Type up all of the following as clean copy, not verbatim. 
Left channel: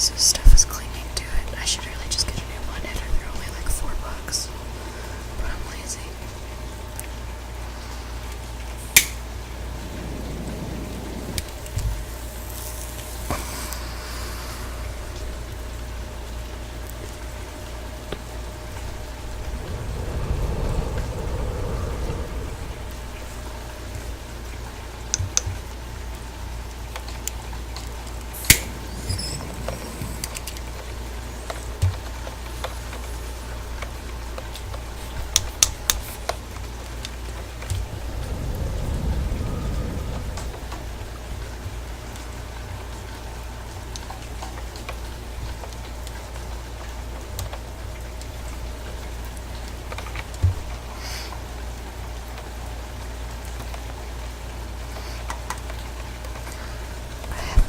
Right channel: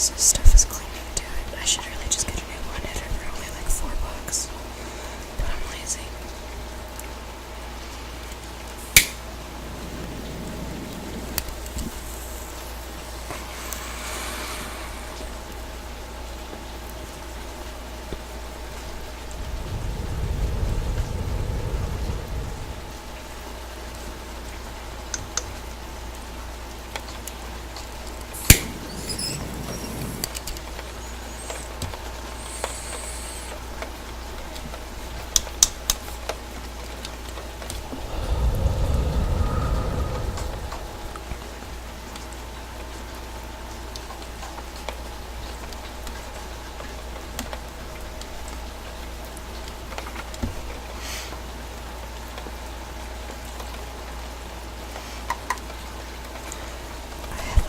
So stuff is clinging to it. I should really just get a new one. They're only like $4, but I'm lazy.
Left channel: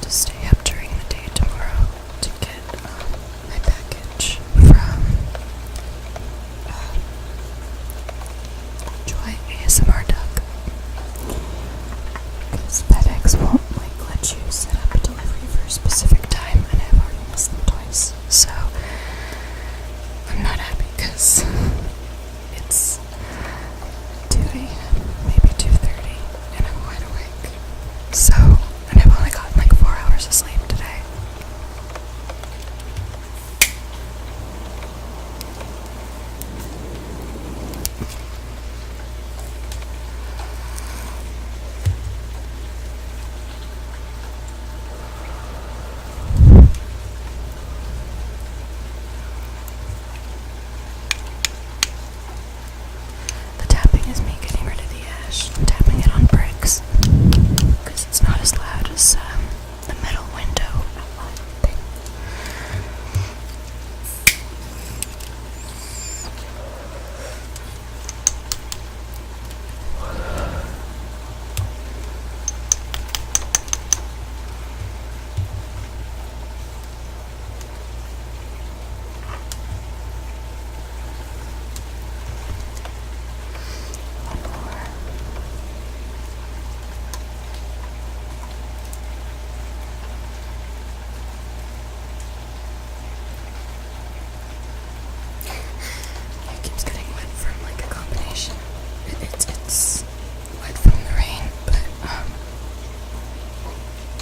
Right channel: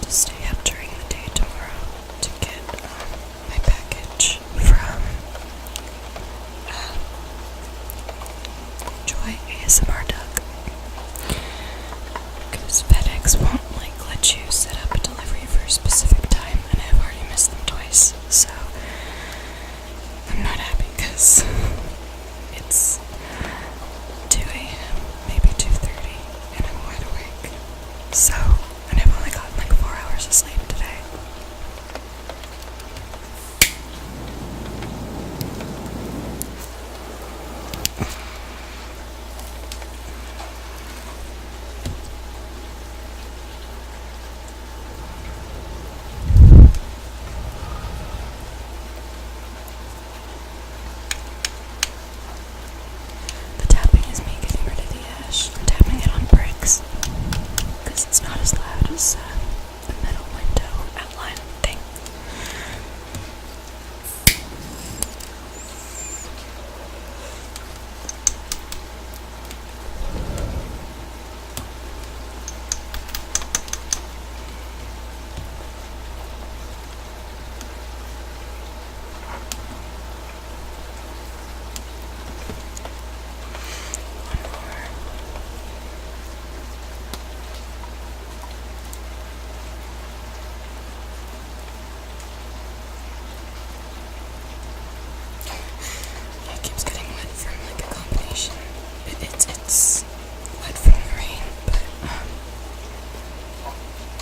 Stay up during the day tomorrow to get my package from Joy ASMR Duck, because FedEx won't let you set up a delivery for a specific time, and I've already missed them twice, so I'm not happy because it's 2 a.m., maybe 2:30, and I'm wide awake, so I've only gotten like 4 hours of sleep today. The tapping is me getting rid of the ash. I'm tapping it on bricks because it's not as loud as the metal window outline thing. One more. It keeps getting wet from like a combination. It's wet from the rain, but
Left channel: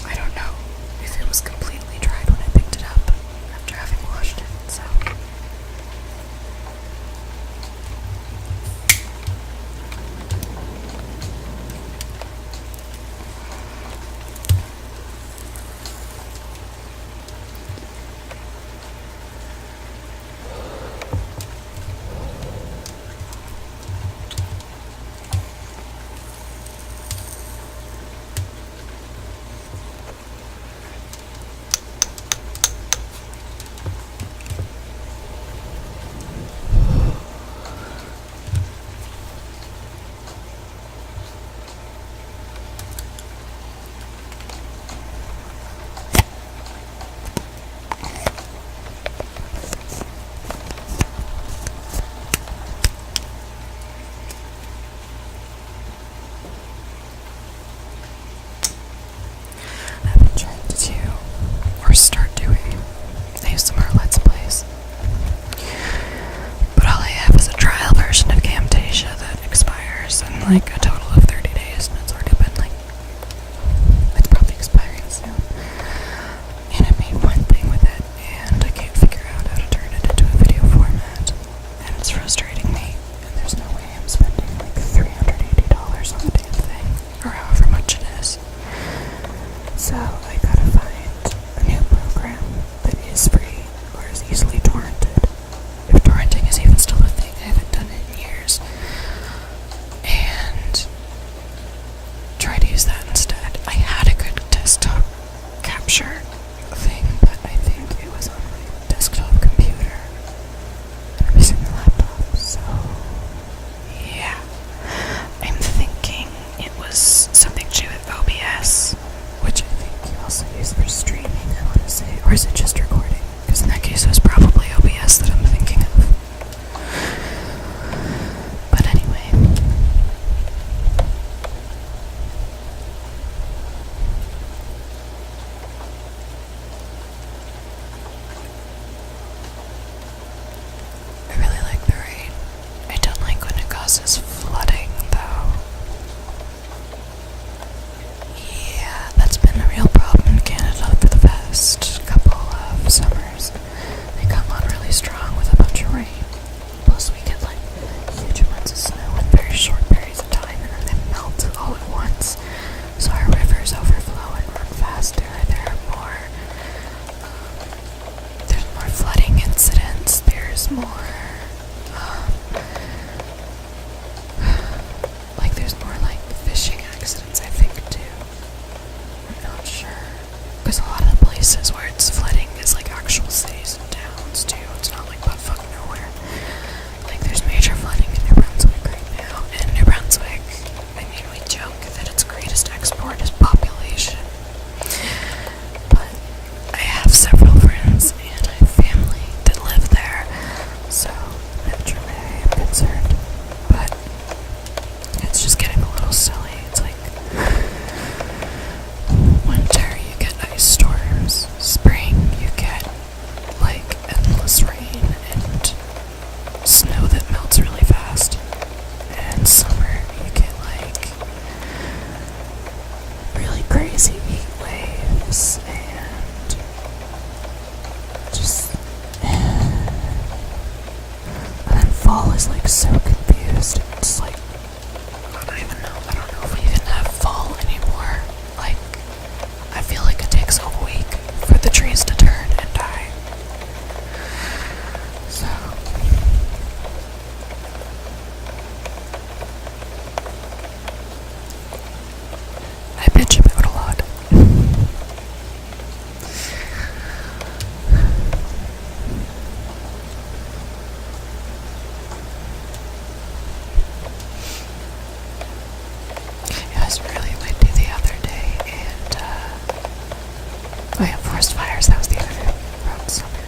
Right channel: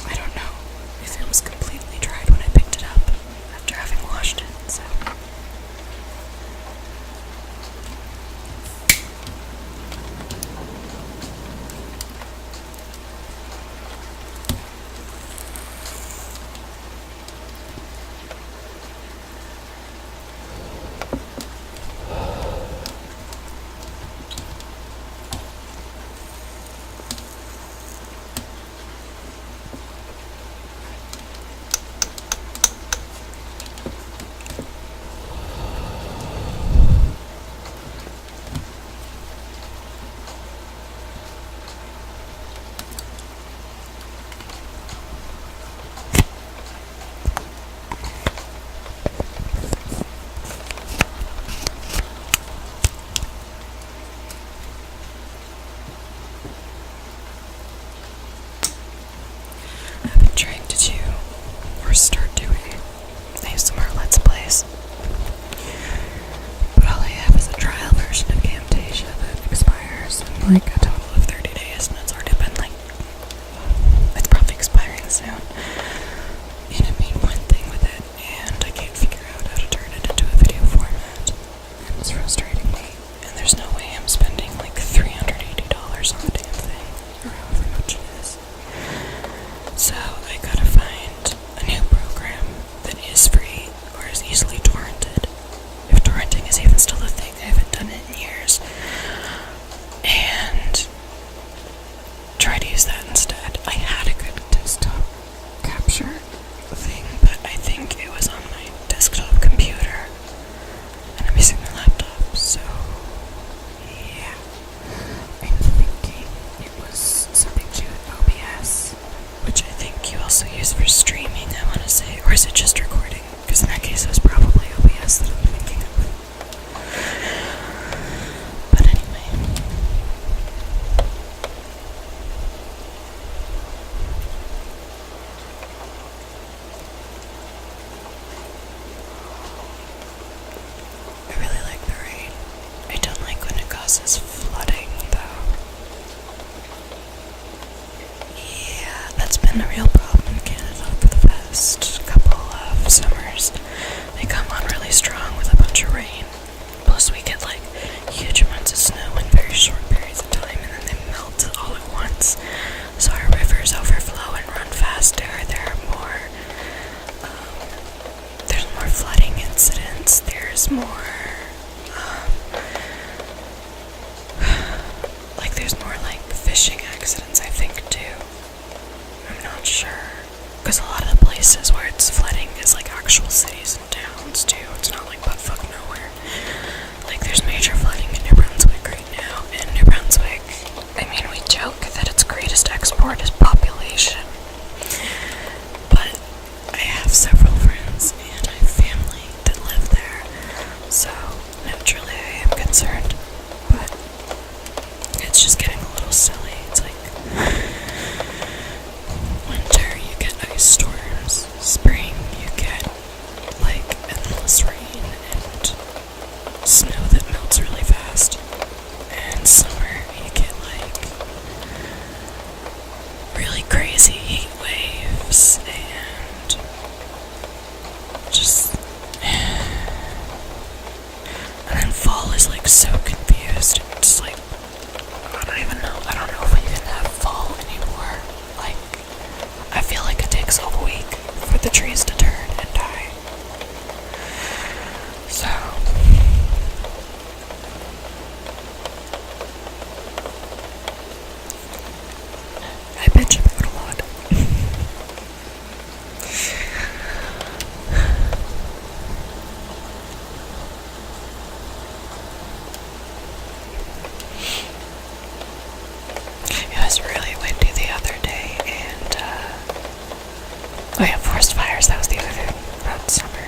I don't know if it was completely dried when I picked it up after having washed it, so. I've been trying to do, or start doing, ASMR Let's Plays. But all I have is a trial version of Camtasia that expires in like a total of 30 days, and it's already been like, it's probably expiring soon. And I made one thing with it, and I can't figure out how to turn it into a video format. And it's frustrating me, and there's no way I'm spending like $380 on the damn thing, or however much it is. So I gotta find a new program that is free or is easily torrented. If torrenting is even still a thing, I haven't done it in years. And try to use that instead. I had a good desktop capture thing, but I think it was on my desktop computer. And I'm using the laptop, so yeah. I'm thinking it was something to do with OBS, which I think you also use for streaming, I want to say. Or is it just recording? Because in that case, it was probably OBS that I'm thinking of. But anyway. houses flooding, though. Yeah, that's been a real problem in Canada for the past couple of summers. They come on really strong with a bunch of rain. Plus we get like huge amounts of snow in very short periods of time, and then they melt all at once. So our rivers overflow and run faster. There's more flooding incidents. There's more fishing accidents, I think, too. I'm not sure. Because a lot of the places where it's flooding is like actual cities and towns, too. It's not like buttfuck nowhere. Like, there's major flooding in New Brunswick right now. And New Brunswick, I mean, we joke that its greatest export is population. But I have several friends and I have family that live there. So, naturally, I am concerned. But it's just getting a little silly. It's like winter, you get ice storms. Spring, you get like endless rain and snow that melts really fast. And summer, you get like really crazy heat waves and just. And then fall is like so confused. It's like, I don't know if we even have fall anymore. Like, I feel like it takes a week for the trees to turn and die. So, I bitch about a lot. It was really windy the other day, and we had forest fires. That was the other thing about summer.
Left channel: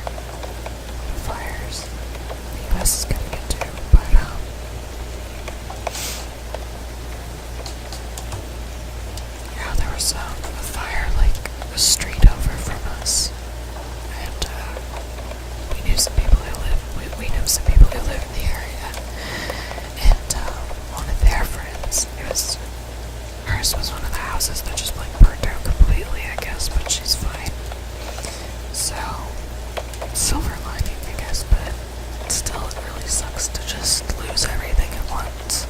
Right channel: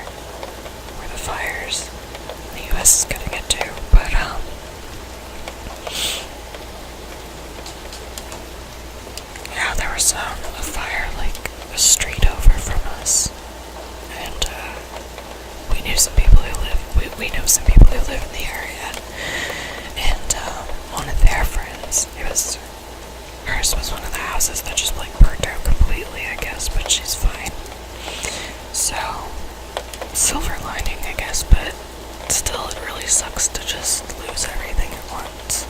The fires the US is getting into, but yeah, there was a fire like a street over from us, and we knew some people who live. We know some people who live in the area, and one of their friends, hers was one of the houses that just like burnt out completely, I guess, but she's fine. So, silver lining, I guess, but still it really sucks to just lose everything at once.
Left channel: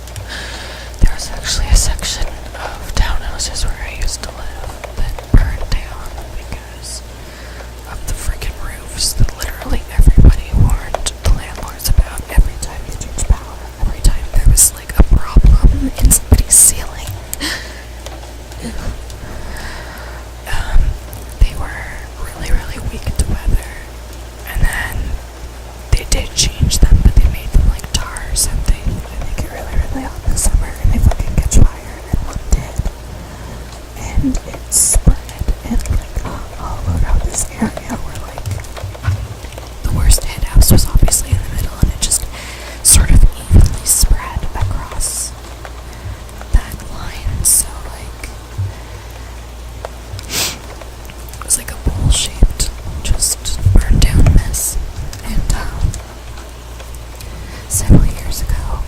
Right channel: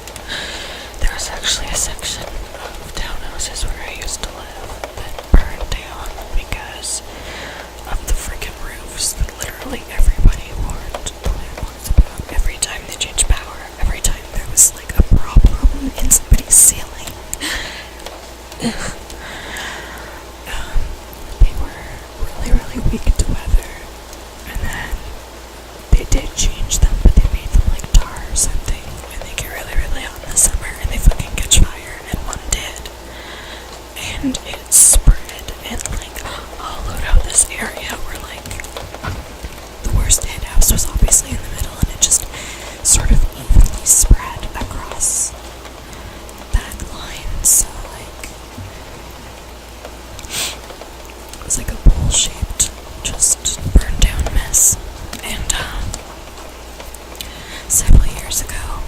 There was actually a section of townhouses where I used to live that burned down because of the freaking roofs that literally everybody warned the landlords about every time they changed power, every time there was like a problem in somebody's ceiling. They were really, really weak to weather, and then they did change them, but they made them like tar or something, and they get really, really hot in the summer, and they fucking catch fire, and one did, and it spread, and like hollowed out this area where like the worst hit house was obviously in the middle, and it just sort of evenly spread across that line. So like it was like a bowl-shaped, just burned down mess. And several years ago,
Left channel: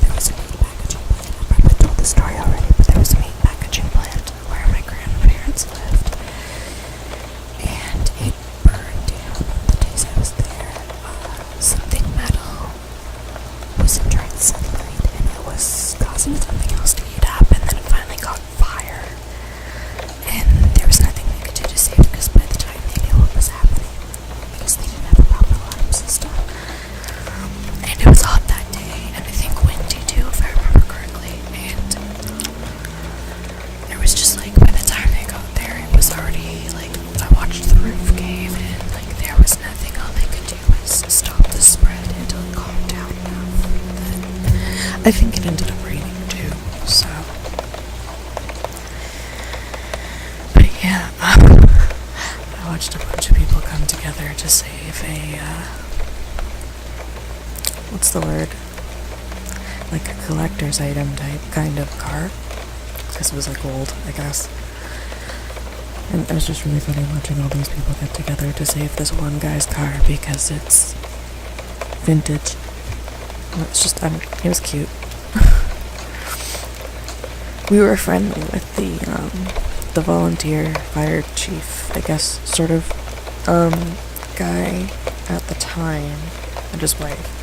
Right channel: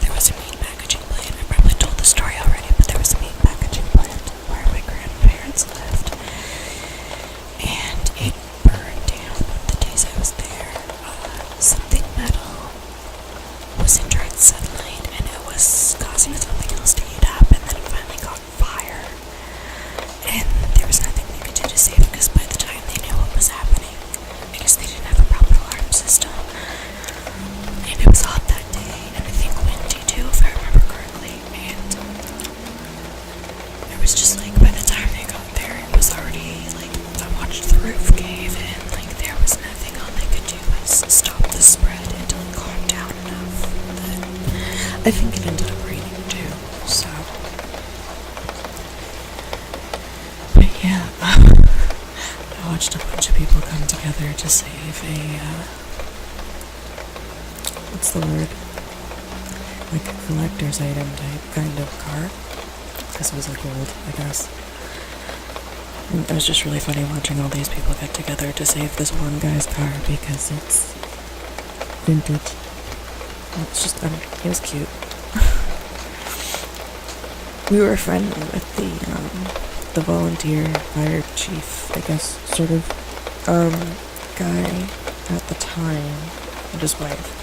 there was a meat packaging plant. I probably told the story already, but there was a meat packaging plant where my grandparents lived, and it burned down the days I was there. Something metal was in direct sunlight, and it was causing something else to heat up, and then it finally caught fire. And there was nothing they could do to save it, because by the time they knew what was happening, because they didn't have a proper alarm system. And it was hot that day, and I think windy too, if I remember correctly. And there was just like, by the time they got there, it was already like, I watched the roof cave in, like there was nothing all they could do was stop the spread until it calmed down enough. But I think it ended up raining too, so. But yeah, I watched a bunch of people come together to save a, what's the word? Like a collector's item type kind of car. This was like old, I guess. And it was just really funny watching all these people get together to save this one guy's car because it's vintage. It's just, he was cute. We were friendly with the volunteer fire chief, I guess, sort of, guy at the time, and his wife,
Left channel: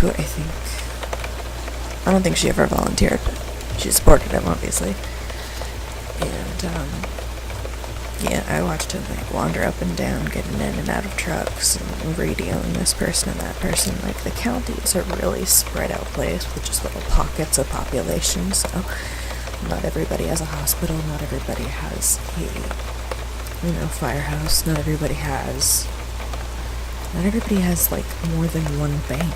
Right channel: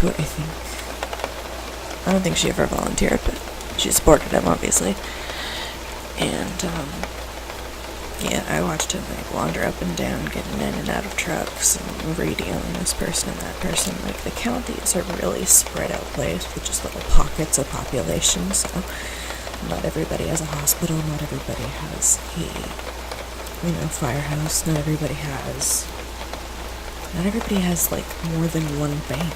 who I don't think she ever volunteered, but she supported him, obviously. And, yeah, I watched him, like, wander up and down, getting in and out of trucks, and radioing this person and that person. Like, the county is a really spread out place with just little pockets of population, so not everybody has a hospital, not everybody has a, firehouse, not everybody has, like, more than one bank.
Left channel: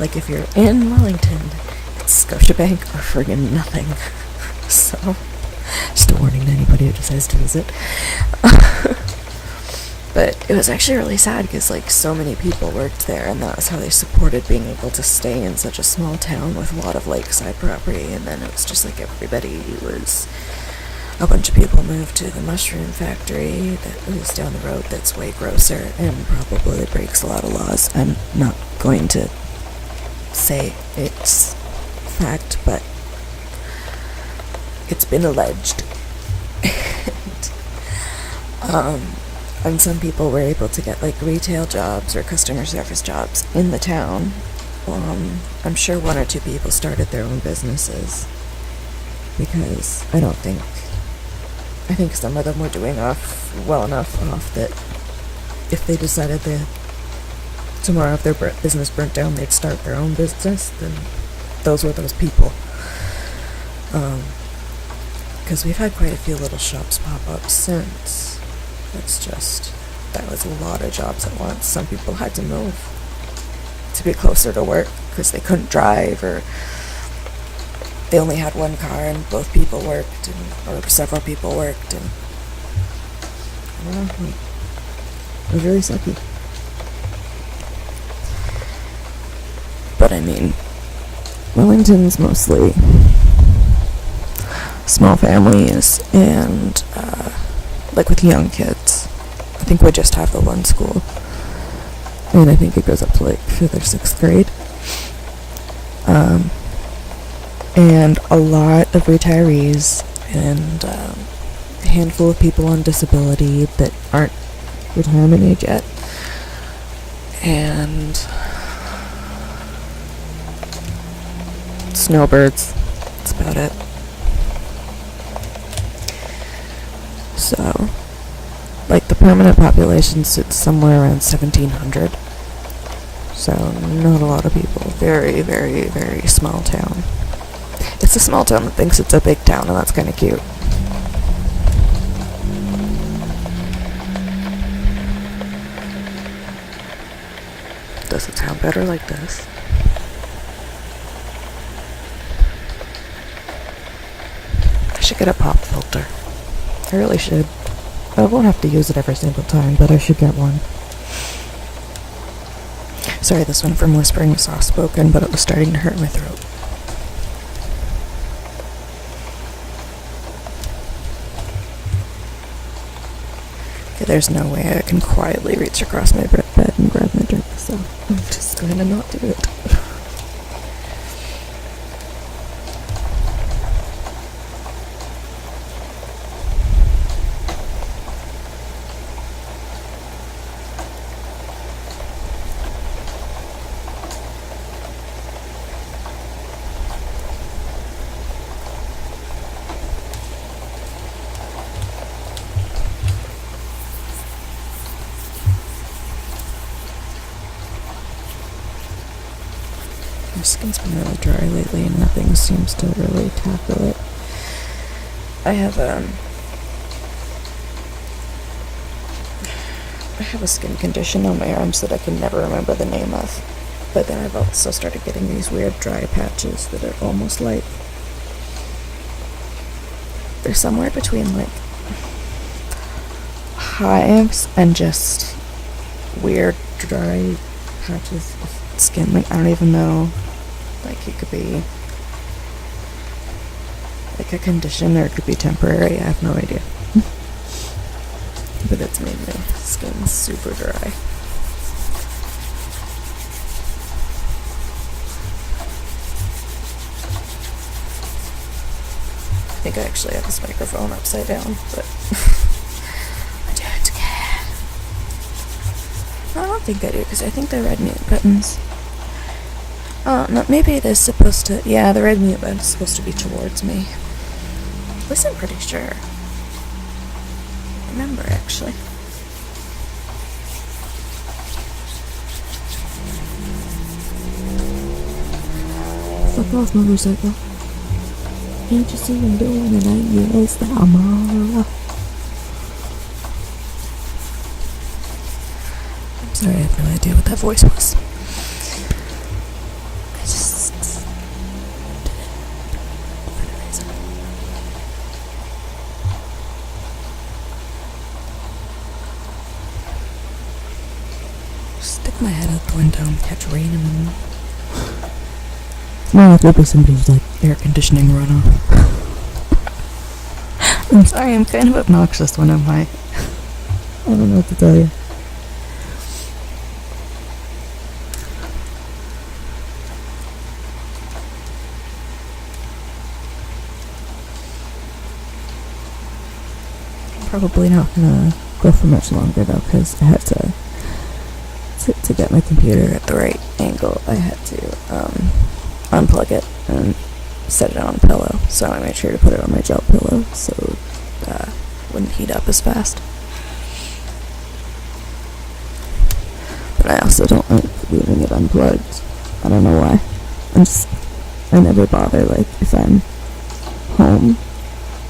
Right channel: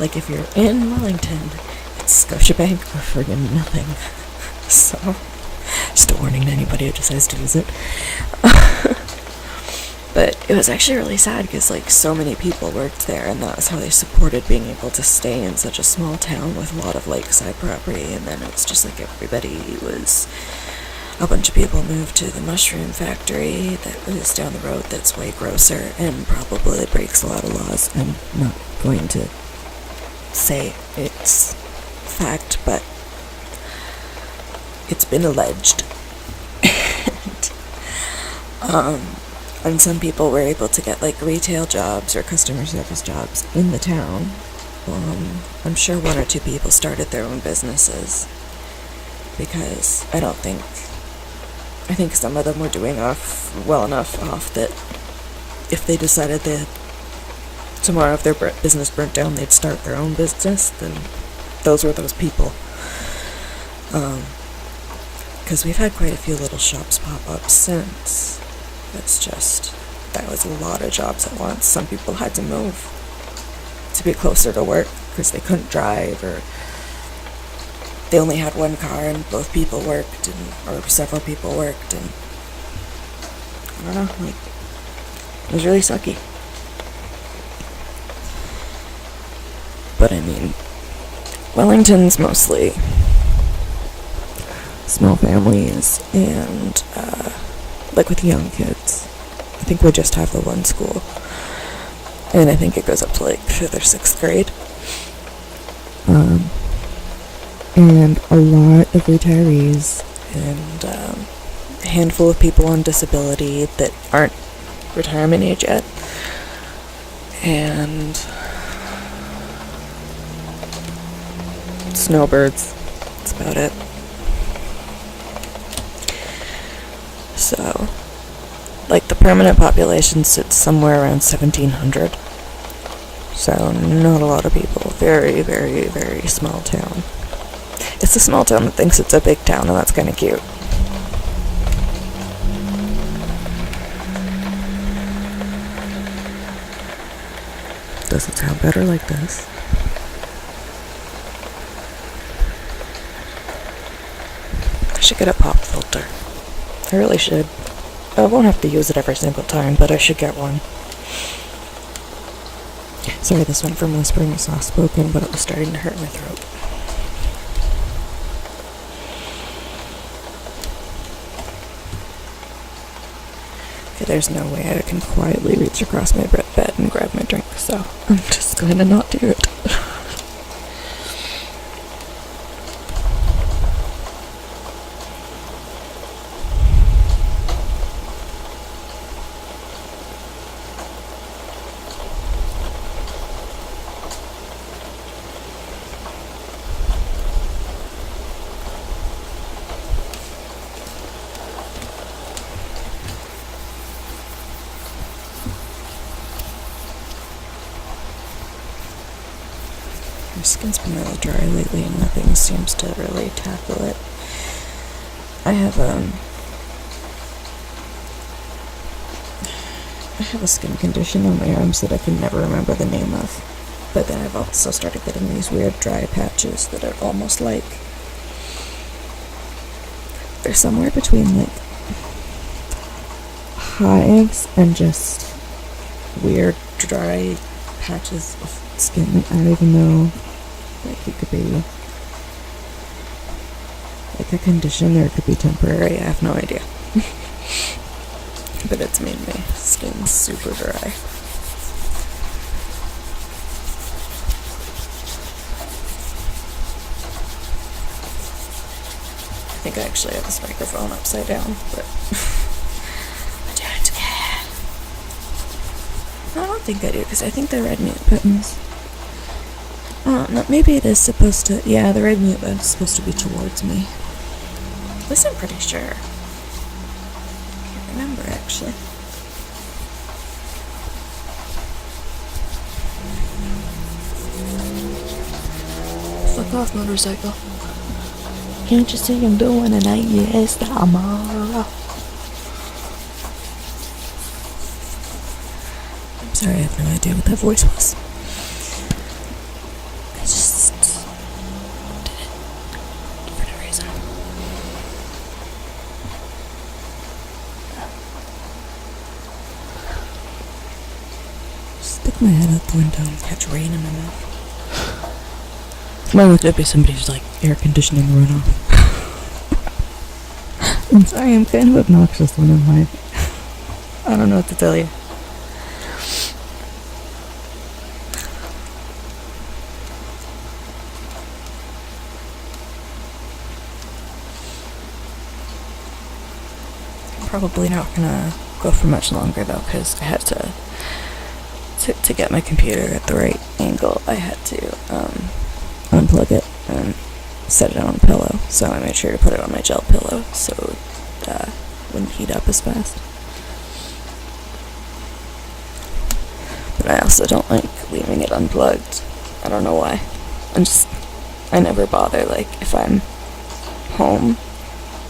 Like, if you're in Wellington, it's Scotiabank or friggin' nothing. So, just a warning to anybody who decides to visit. But it was actually really sad because, like, so many people worked there, and that was how they supported being able to stay in such a small town with a lot of lakeside property. And then it was just like a bunch of people moved to the mushroom factory that was down the road that's way grosser and probably breaks a lot of laws. I'm not going to say it's fact, but it's been alleged. And some people were able to get, like, retail jobs or customer service jobs in the town. I'm sure one or two people started their own businesses, because I think some of them were doing well enough off that if they decided that tomorrow if their business burnt down, they'd start their own business, then those were those people. Because we've had quite a few little shops pop up since. That was a lot of jobs at once. Some people had to move to be closer to work because they couldn't drive, or they only had one car and both people worked, or several people worked, and I don't know, like, it was really sucky. But I mean, Wellington's mostly small families and, like, with young kids. I think we just have the one school, and I think it goes up to, like, 5th or 6th grade. And a lot of retirees, and a handful of people on disability that aren't retirement age yet. And snowbirds. That's about it. So, like, the permanent population sits somewhere around 1,700. So, not a lot of people. Very, very, very small town. It's a small town that thinks it's a big town, and that's kind of cute. Does it sound better like this? I should get a pop filter. I really should. I won't have to use it every single time, but I should get one. Sorry, this one from whispering is soft-spoken, but it was starting to hurt my throat. Okay, there's no way I can quietly reach across my bed and grab my drink, so I'm just going to not do it. My skin's been really dry lately and nothing seems to really tackle it. I have a skin condition on my arms that I can never remember the name of. But then I've also started getting these weird dry patches that are almost like, they're somewhere between, like, hives and just weird dry patches of skin. Like, I don't even know. Like, it could be like a condition or it could be temporary. I have no idea. But it's made my skin super dry. think I actually have this microphone upside down, but I don't care. I don't think I do, because I think they're red mute buttons. Oh, no, maybe it is supposed to... Yeah, the red mute button is supposed to be towards me. At least I'm pretty sure. Can't remember, actually. Fuck off, motorcycle. Can't you see I'm doing it? Yes, mama. I'm sorry, I have no idea what that voice was. I just did it for a reason. Stick my head out the window and catch rain in a minute. No, there'll be somebody's like air conditioning runoff. I'm sorry, I'm kind of obnoxious when I'm like, I don't know what to tell you. I'm probably not gonna go for much longer though, because I had to get my computer at the right angle. I had to unplug it and set it on a pillow, so I made sure to put it on my gel pillow so it wouldn't heat up as fast. But I also don't like leaving it unplugged. I don't know why. I never bother, like, if I'm home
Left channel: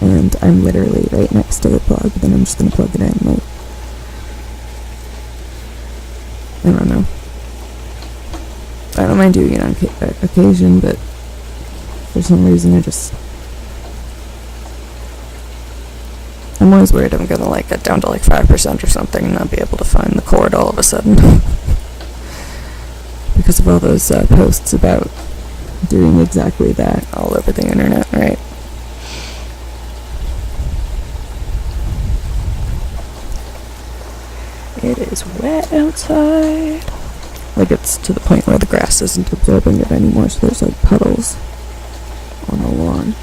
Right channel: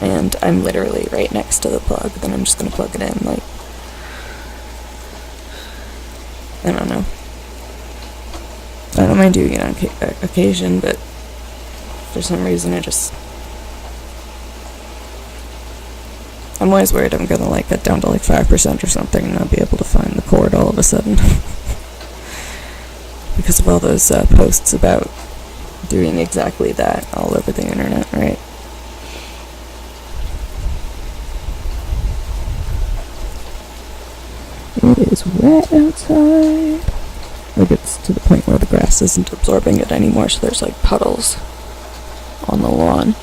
and I'm literally right next to the plug, then I'm just gonna plug it in, like, I don't know. I don't mind doing it on occasion, but for some reason I'm always worried I'm gonna like get down to like 5% or something and not be able to find the cord all of a sudden. Because of all those posts about doing exactly that all over the internet, right? It is wet outside. Like, it's to the point where the grass isn't absorbing it anymore, so there's like puddles on the lawn.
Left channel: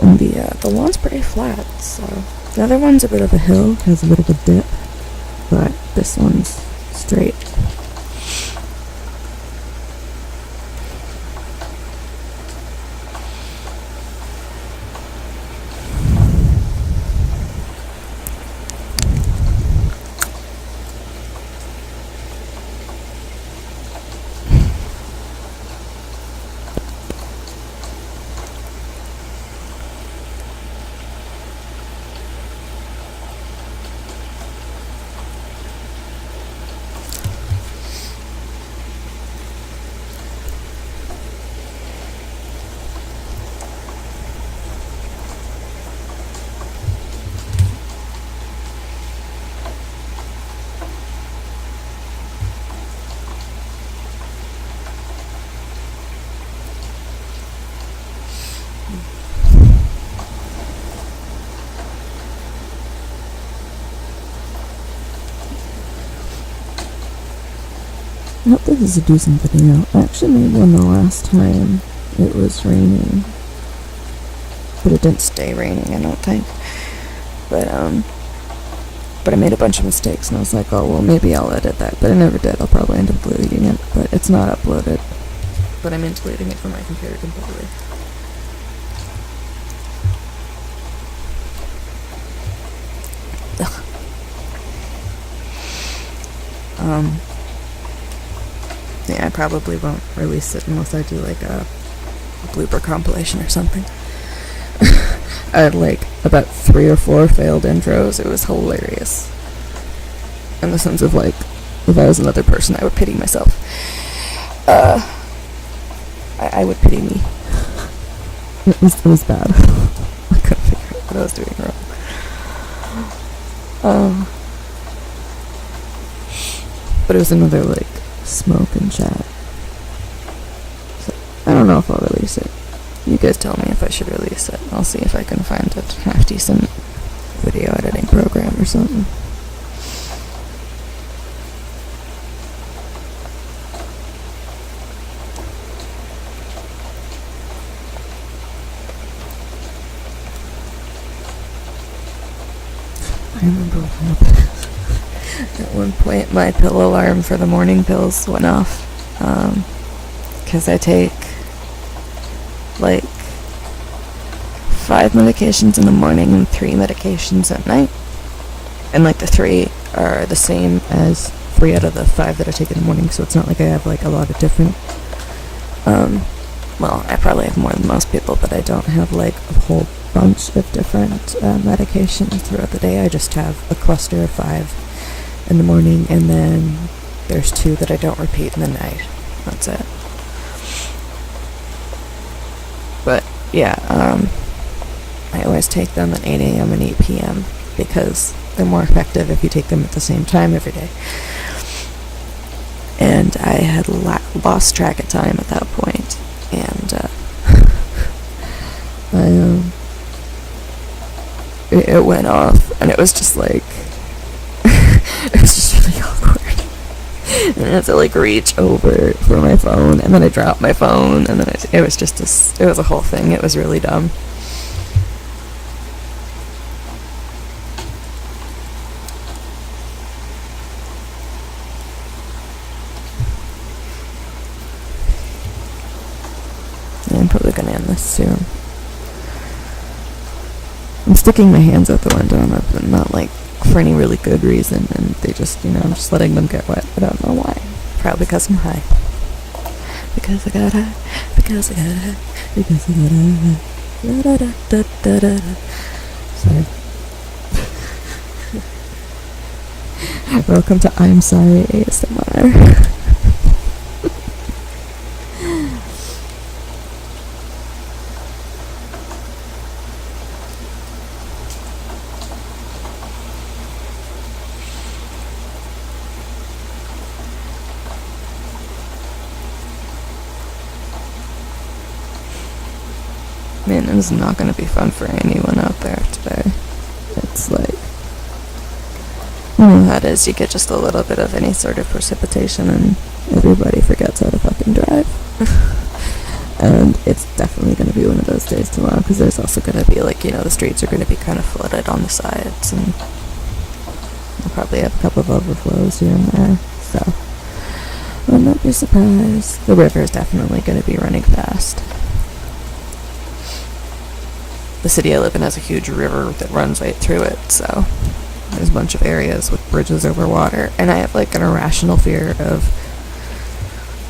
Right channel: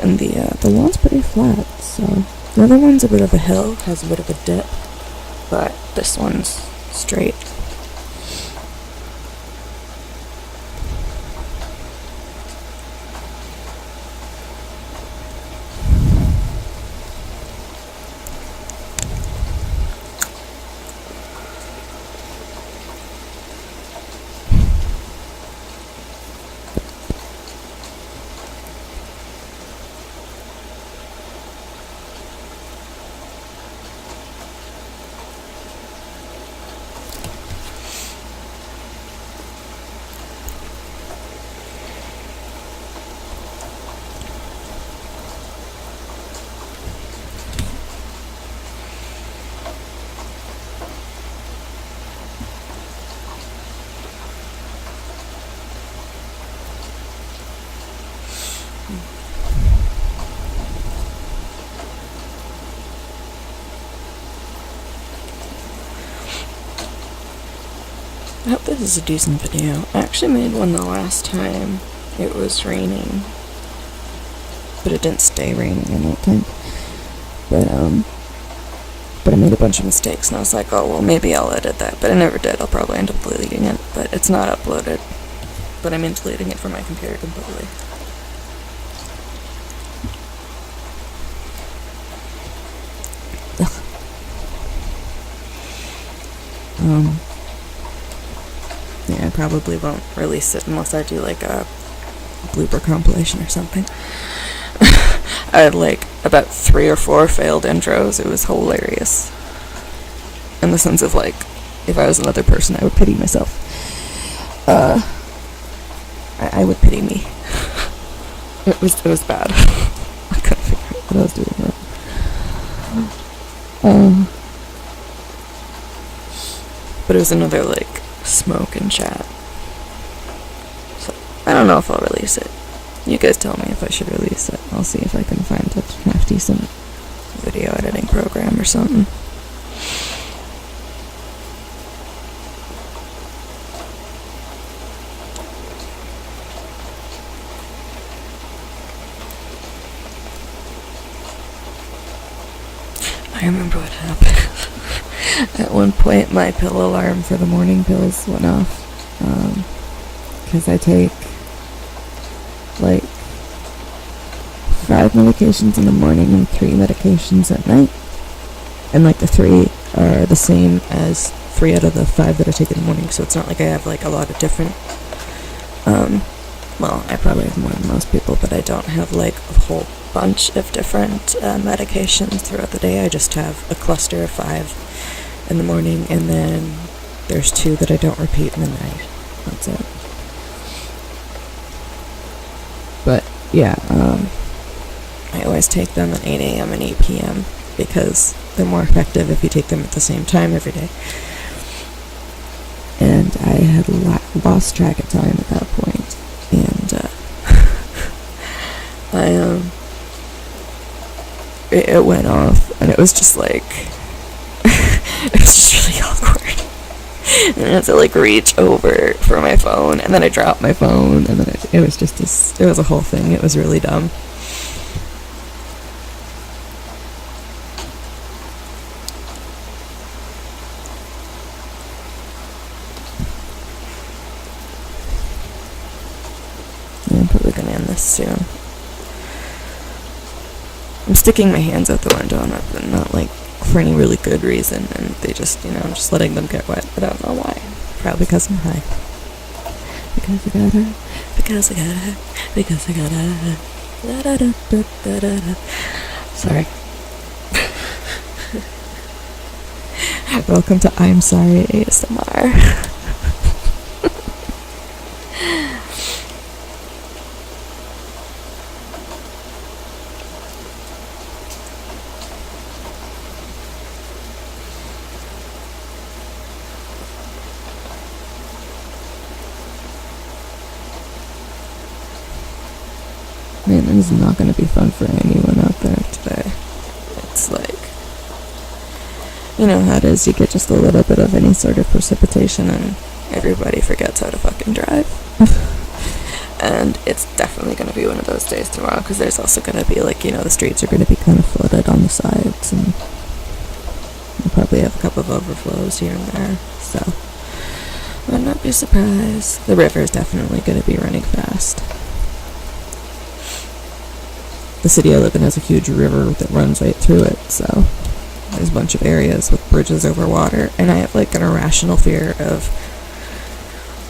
And the lawn's pretty flat, so the other one's a bit of a hill, has a bit of a dip, but this one's straight. I hope this is a decent video. I actually made one the last time it was raining. But it didn't stay raining, I don't think. But I made a bunch of mistakes and I was like, oh, well, maybe I'll edit that. But I never did. I'll probably end up deleting it. But it's not uploaded. But I'm deleting it from my computer completely. Yeah, I probably won't release it unless I do like a blooper compilation or something. I had like about 3 or 4 failed intros. It was hilarious. In the sense of like, if I was another person, I would pity myself. I would pity me. It was bad. I couldn't figure out what I was doing wrong. But it was another like smoke and chat. So I don't know if I'll release it. You guys tell me if I should release it. I'll see if I can find a half decent video editing program or something. I remember what happened. At one point, my pill alarm for the morning pills went off. Because I take, like, 5 medications in the morning and 3 medications at night. And, like, the 3 are the same as 3 out of the 5 that I take in the morning, so it's not like I have, like, a lot of different, well, I probably have more than most people, but I don't have, like, a whole bunch of different medications throughout the day. I just have a cluster of 5 in the morning, and then there's 2 that I don't repeat in the night. That's it. But, yeah, I always take them at 8 a.m. and 8 p.m. because they're more effective if you take them at the same time every day. And I had lost track of time at that point, and it went off, and it was just like, it was just really awkward. And I had to, like, reach over for my phone, and then I dropped my phone, and then it was just it was a whole thing. It was really dumb. I'm probably gonna end this soon. I'm sticking my hands out the window, and not like for any really good reason, and they just, I'm just letting them get wet. I don't know why. Probably because I'm high. Because I got high. Because I got high. Because I got high. Da da da da da da. Sorry. Welcome to I'm Sorry ASMR. Man, this is not going to be fun for anyone out there today. It's like, you know how it is, you get just a little bit of any sort of precipitation and everybody forgets how to fucking drive. And it's definitely going to be one of those days tomorrow, because there's also going to be, like, the streets are going to be kind of flooded on the sides, and we'll probably have a couple of overflows here and there, so I would not be surprised. The river is definitely going to be running fast. The city I live in has a huge river that runs right through it, so there's a bunch of areas with bridges over water, and I have, like, an irrational fear of,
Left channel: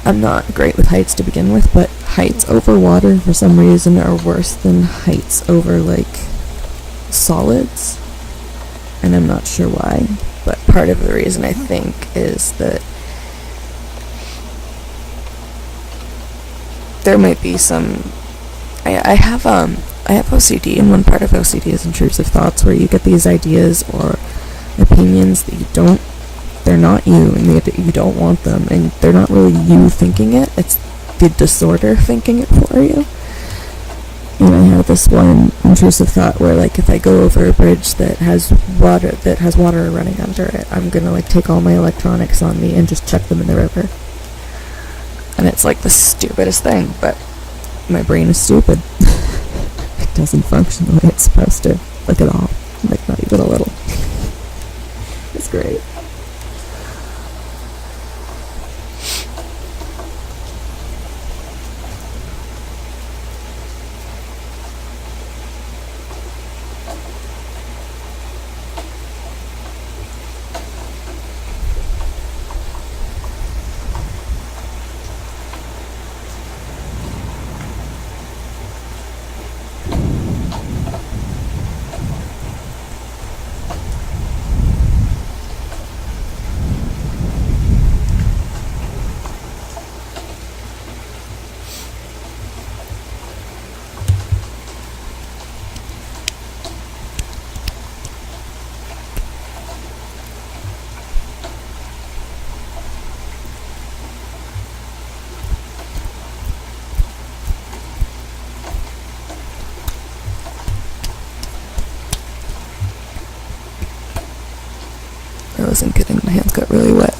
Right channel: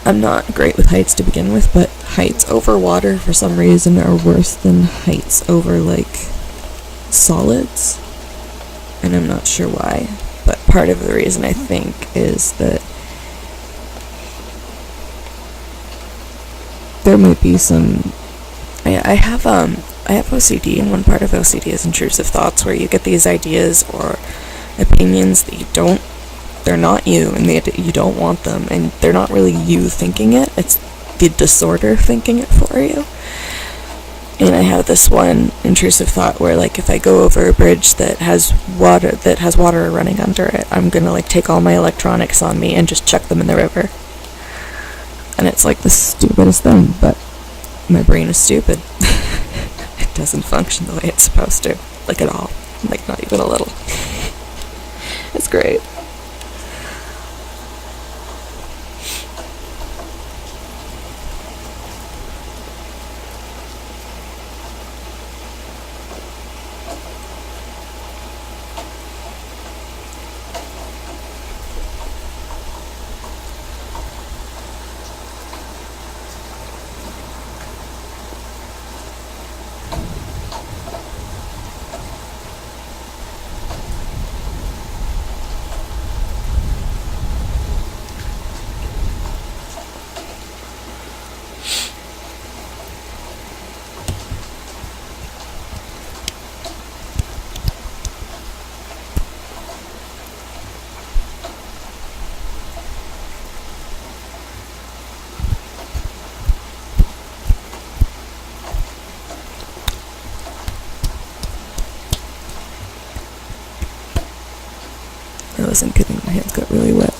I'm not great with heights to begin with, but heights over water for some reason are worse than heights over, like, solids, and I'm not sure why, but part of the reason I think is that there might be some, I have OCD, and one part of OCD is intrusive thoughts, where you get these ideas or opinions that they're not you, and you don't want them, and they're not really you thinking it, it's the disorder thinking it for you. And I have this one intrusive thought where, like, if I go over a bridge that has water running under it, I'm gonna, like, take all my electronics on me and just chuck them in the river. And it's, like, the stupidest thing, but my brain is stupid. It doesn't function the way it's supposed to. Like, at all. Like, not even a little. It's great. I wasn't kidding, my hands got really wet.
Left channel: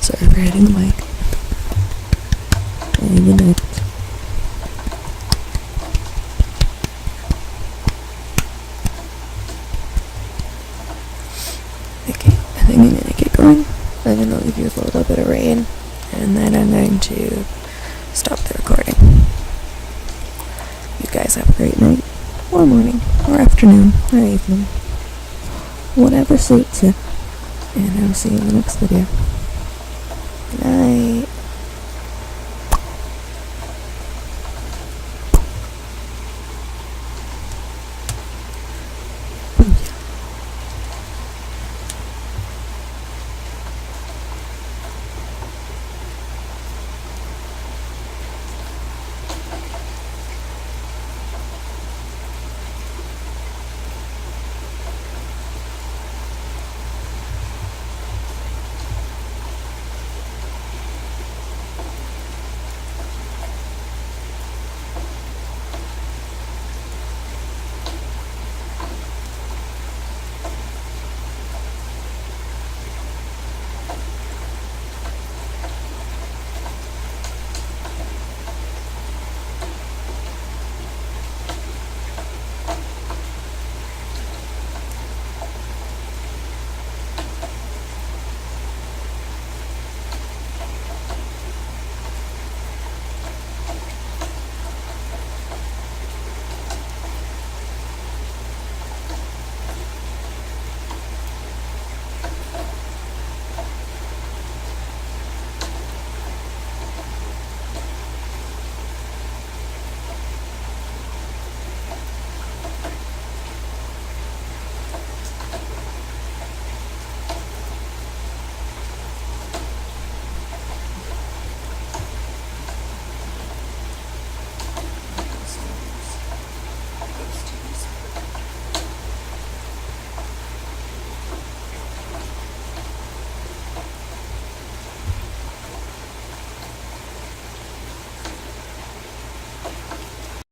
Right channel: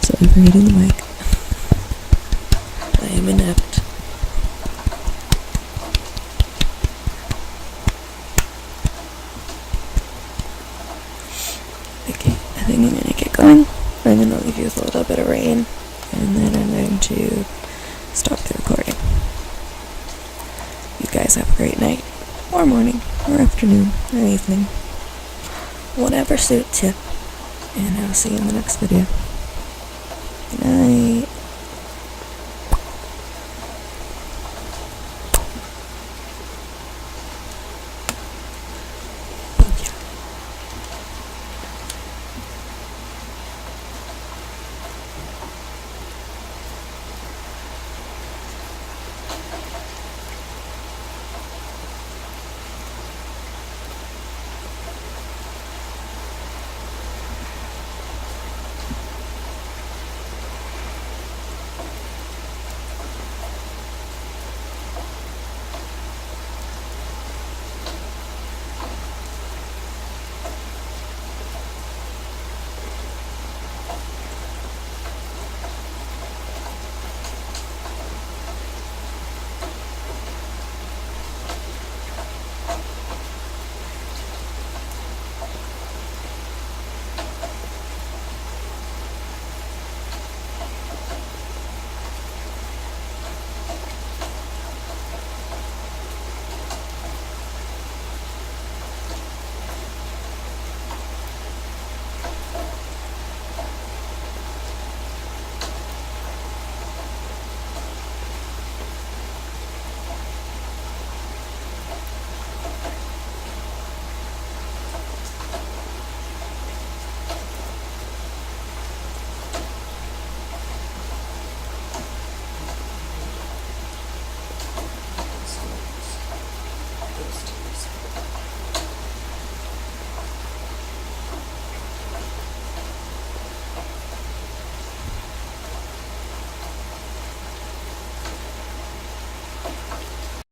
Sorry for hitting the mic. I am inept. to stop the recording. You guys have a great night, or morning, or afternoon, or evening. Whatever suits you. And I'll see you in the next video. Good night.